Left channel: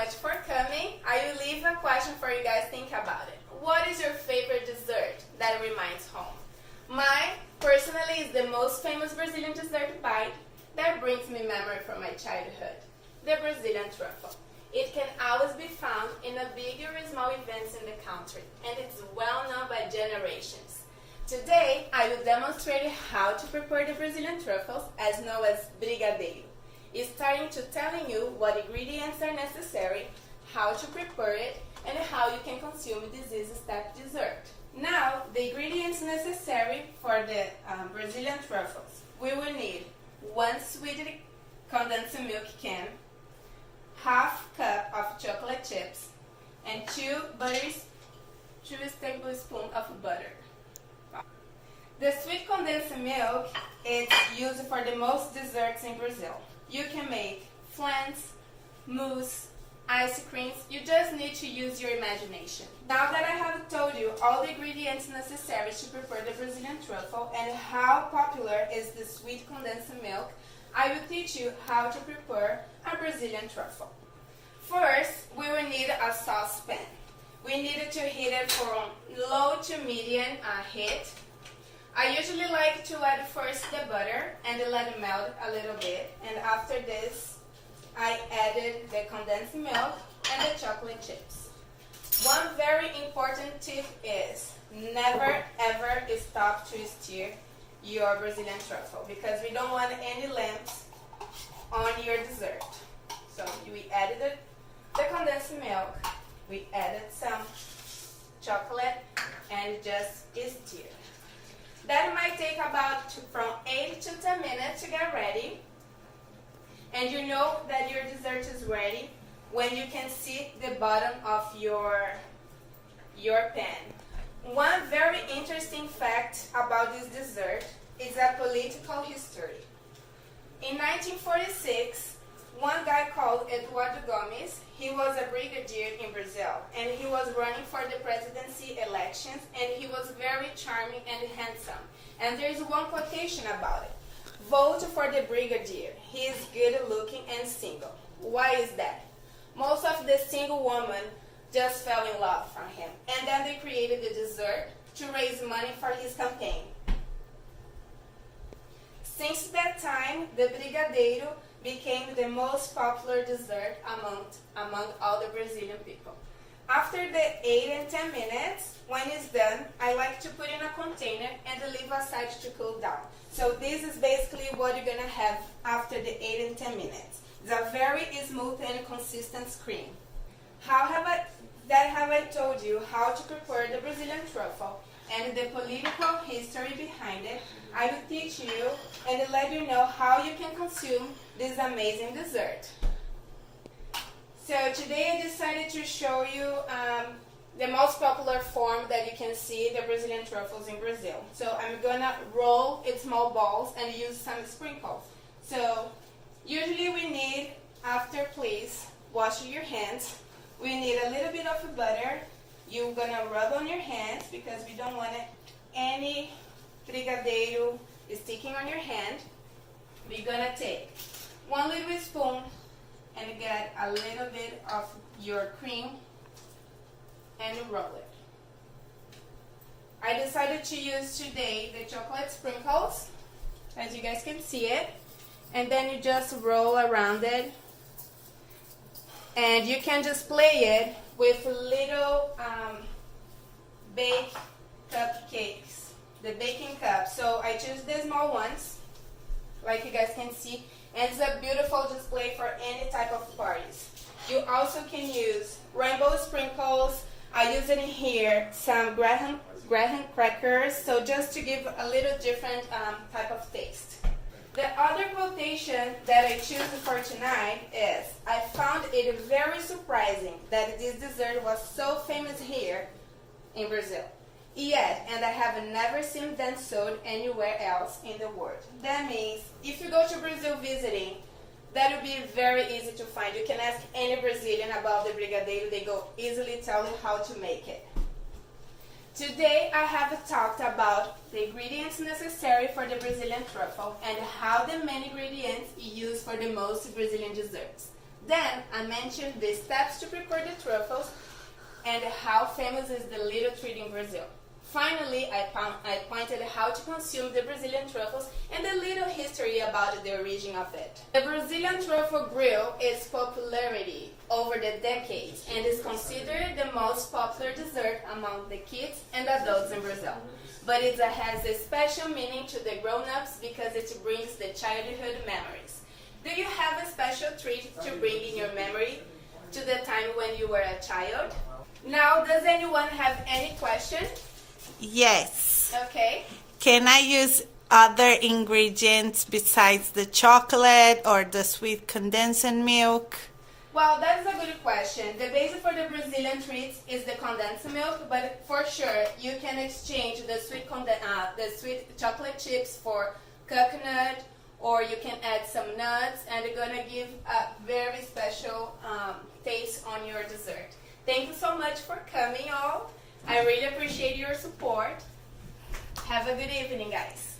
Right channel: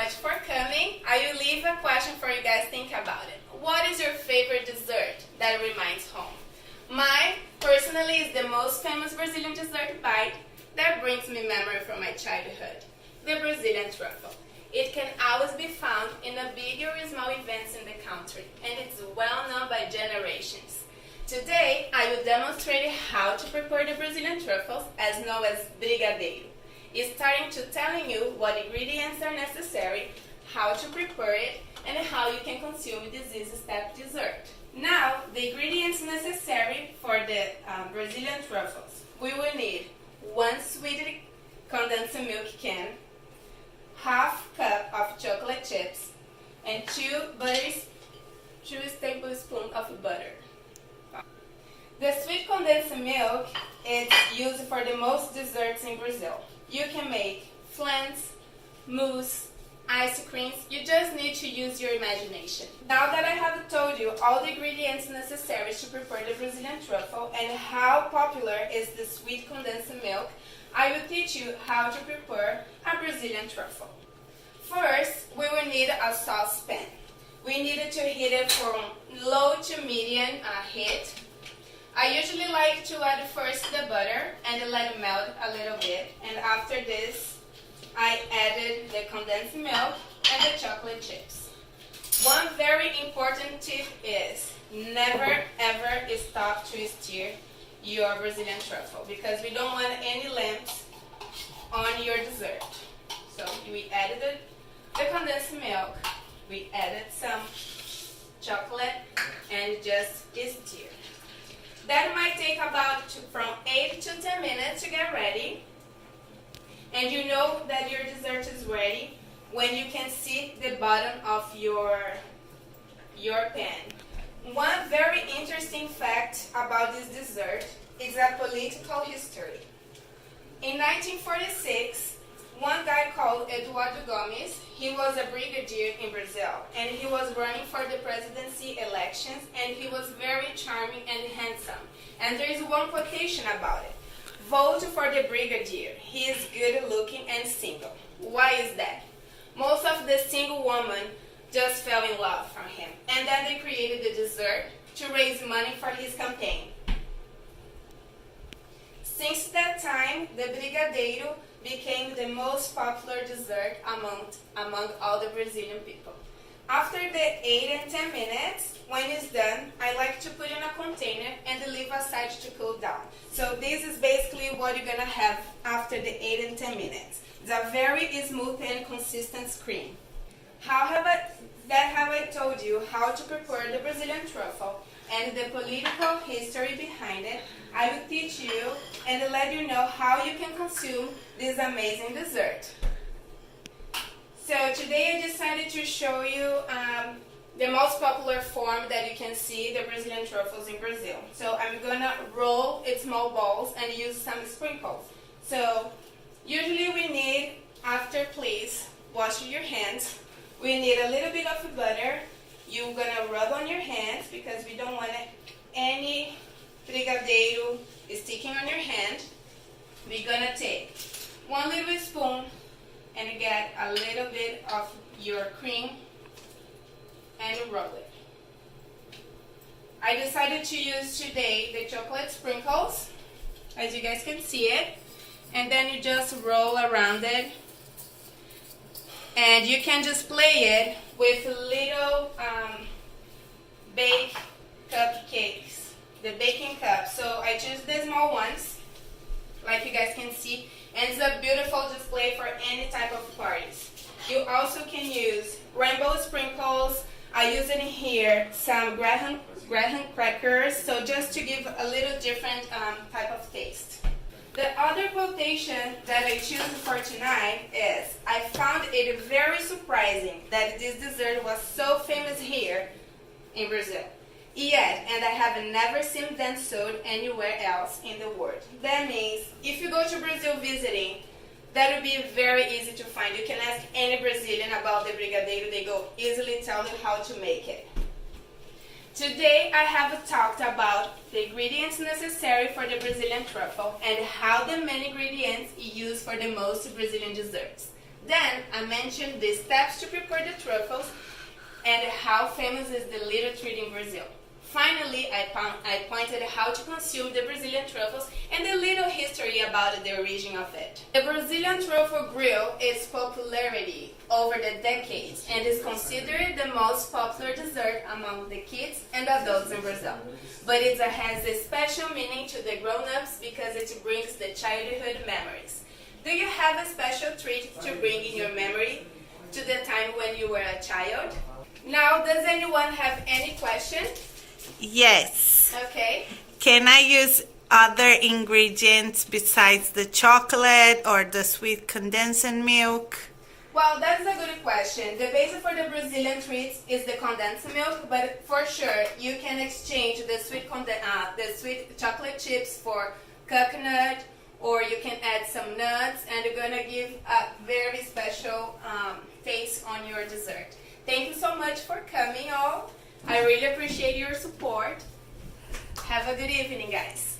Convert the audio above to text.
much for coming. I will leave a question for you guys. Think about it. What is your favorite dessert that reminds home? Mine, personally, is the most famous Brazilian dessert bite that brings me memory from my childhood, the Brazilian truffle. It can always be found in a big or small events in the country, and it's well known by generations. Today, I will demonstrate how to prepare the Brazilian truffles, as known as Brigadeiro. Starting to telling you what ingredients are necessary, how to prepare it, and how you can consume this easy-step dessert. Now, the ingredients necessary for the Brazilian truffles. We will need 1 sweetened condensed milk can, half cup of chocolate chips, and 2 tablespoons of butter. The sweet condensed milk is used for the most desserts in Brazil. You can make flans, mousse, ice creams. You just need to use your imagination. Now that I have told you all the ingredients necessary to prepare the Brazilian truffle and how popular is the sweet condensed milk, I will teach you how to prepare a Brazilian truffle. First, we will need a saucepan. We need to heat it from low to medium heat. I usually like to add first the butter and let it melt a little bit, and after this I added the condensed milk and the chocolate chips. One very important tip is never ever stop to stir your Brazilian truffle because we don't want any lumps on your dessert. So we added the condensed milk, we added some chocolate and just stir. That might take about from 8 to 10 minutes to get ready. And you know that your dessert is ready when you can see the bottom of your pan. One very interesting fact about this dessert is a political history. In 1946, one guy called Eduardo Gomes, he was a brigadier in Brazil, and he was running for the presidency elections, and he was very charming and handsome. And there's one quotation about it. Vote for the brigadier. He is good looking and single. Why is that? Most of the single women just fell in love from him, and then they created the dessert to raise money for his campaign. Since that time, the Brigadeiro became the most popular dessert among all the Brazilian people. After the 8 and 10 minutes, when it's done, I like to put in a container and leave aside to cool down. So this is basically what you're gonna have after the 8 and 10 minutes. It's a very smooth and consistent cream. How have I told you how to prepare the Brazilian truffle and the political history behind it, I will teach you and let you know how you can consume this amazing dessert. So today I decided to show you the most popular form that you can see the Brazilian truffles in Brazil. So I'm gonna roll it small balls and use some sprinkles. So usually we need, after please wash your hands, we need a little bit of butter. You're gonna rub on your hands because we don't want any brigadeiro sticking on your hand. We're gonna take 1 little spoon and get a little bit of your cream and roll it. I decided to use today the chocolate sprinkles, as you guys can see it, and then you just roll around it, and you can just play it with little bake cupcakes, the baking cup. So I choose the small ones, like you guys can see, and it's a beautiful display for any type of parties. You also can use rainbow sprinkles. I use in here some graham crackers, so just to give a little different type of taste. The other quotation that I choose for tonight is, I found it very surprising that this dessert was so famous here in Brazil. Yet, and I have never seen them sold anywhere else in the world. That means if you go to Brazil visiting, that will be very easy to find. You can ask any Brazilian about the Brigadeiro, they go easily tell you how to make it. Today I have talked about the ingredients necessary for the Brazilian truffle and how the main ingredients are used for the most Brazilian desserts. Then I mentioned the steps to prepare the truffles and how famous is the little treat in Brazil. Finally, I pointed how to consume the Brazilian truffles and a little history about the origin of it. The Brazilian truffle grew its popularity over the decades and is considered the most popular dessert among the kids and adults in Brazil. But it has a special meaning to the grown-ups because it brings the childhood memories. Do you have a special treat to bring in your memory to the time when you were a child? Now, does anyone have any question? Yes. Okay. Can I use other ingredients besides the chocolate or the sweet condensed milk? Well, that's a good question. The basis for the Brazilian treats is the condensed milk, but for sure you can exchange the sweet chocolate chips for coconut, or you can add some nuts, and you're gonna give a very special taste on your dessert. Thank you so much for coming, all. I really appreciate your support. Have a good evening, guys.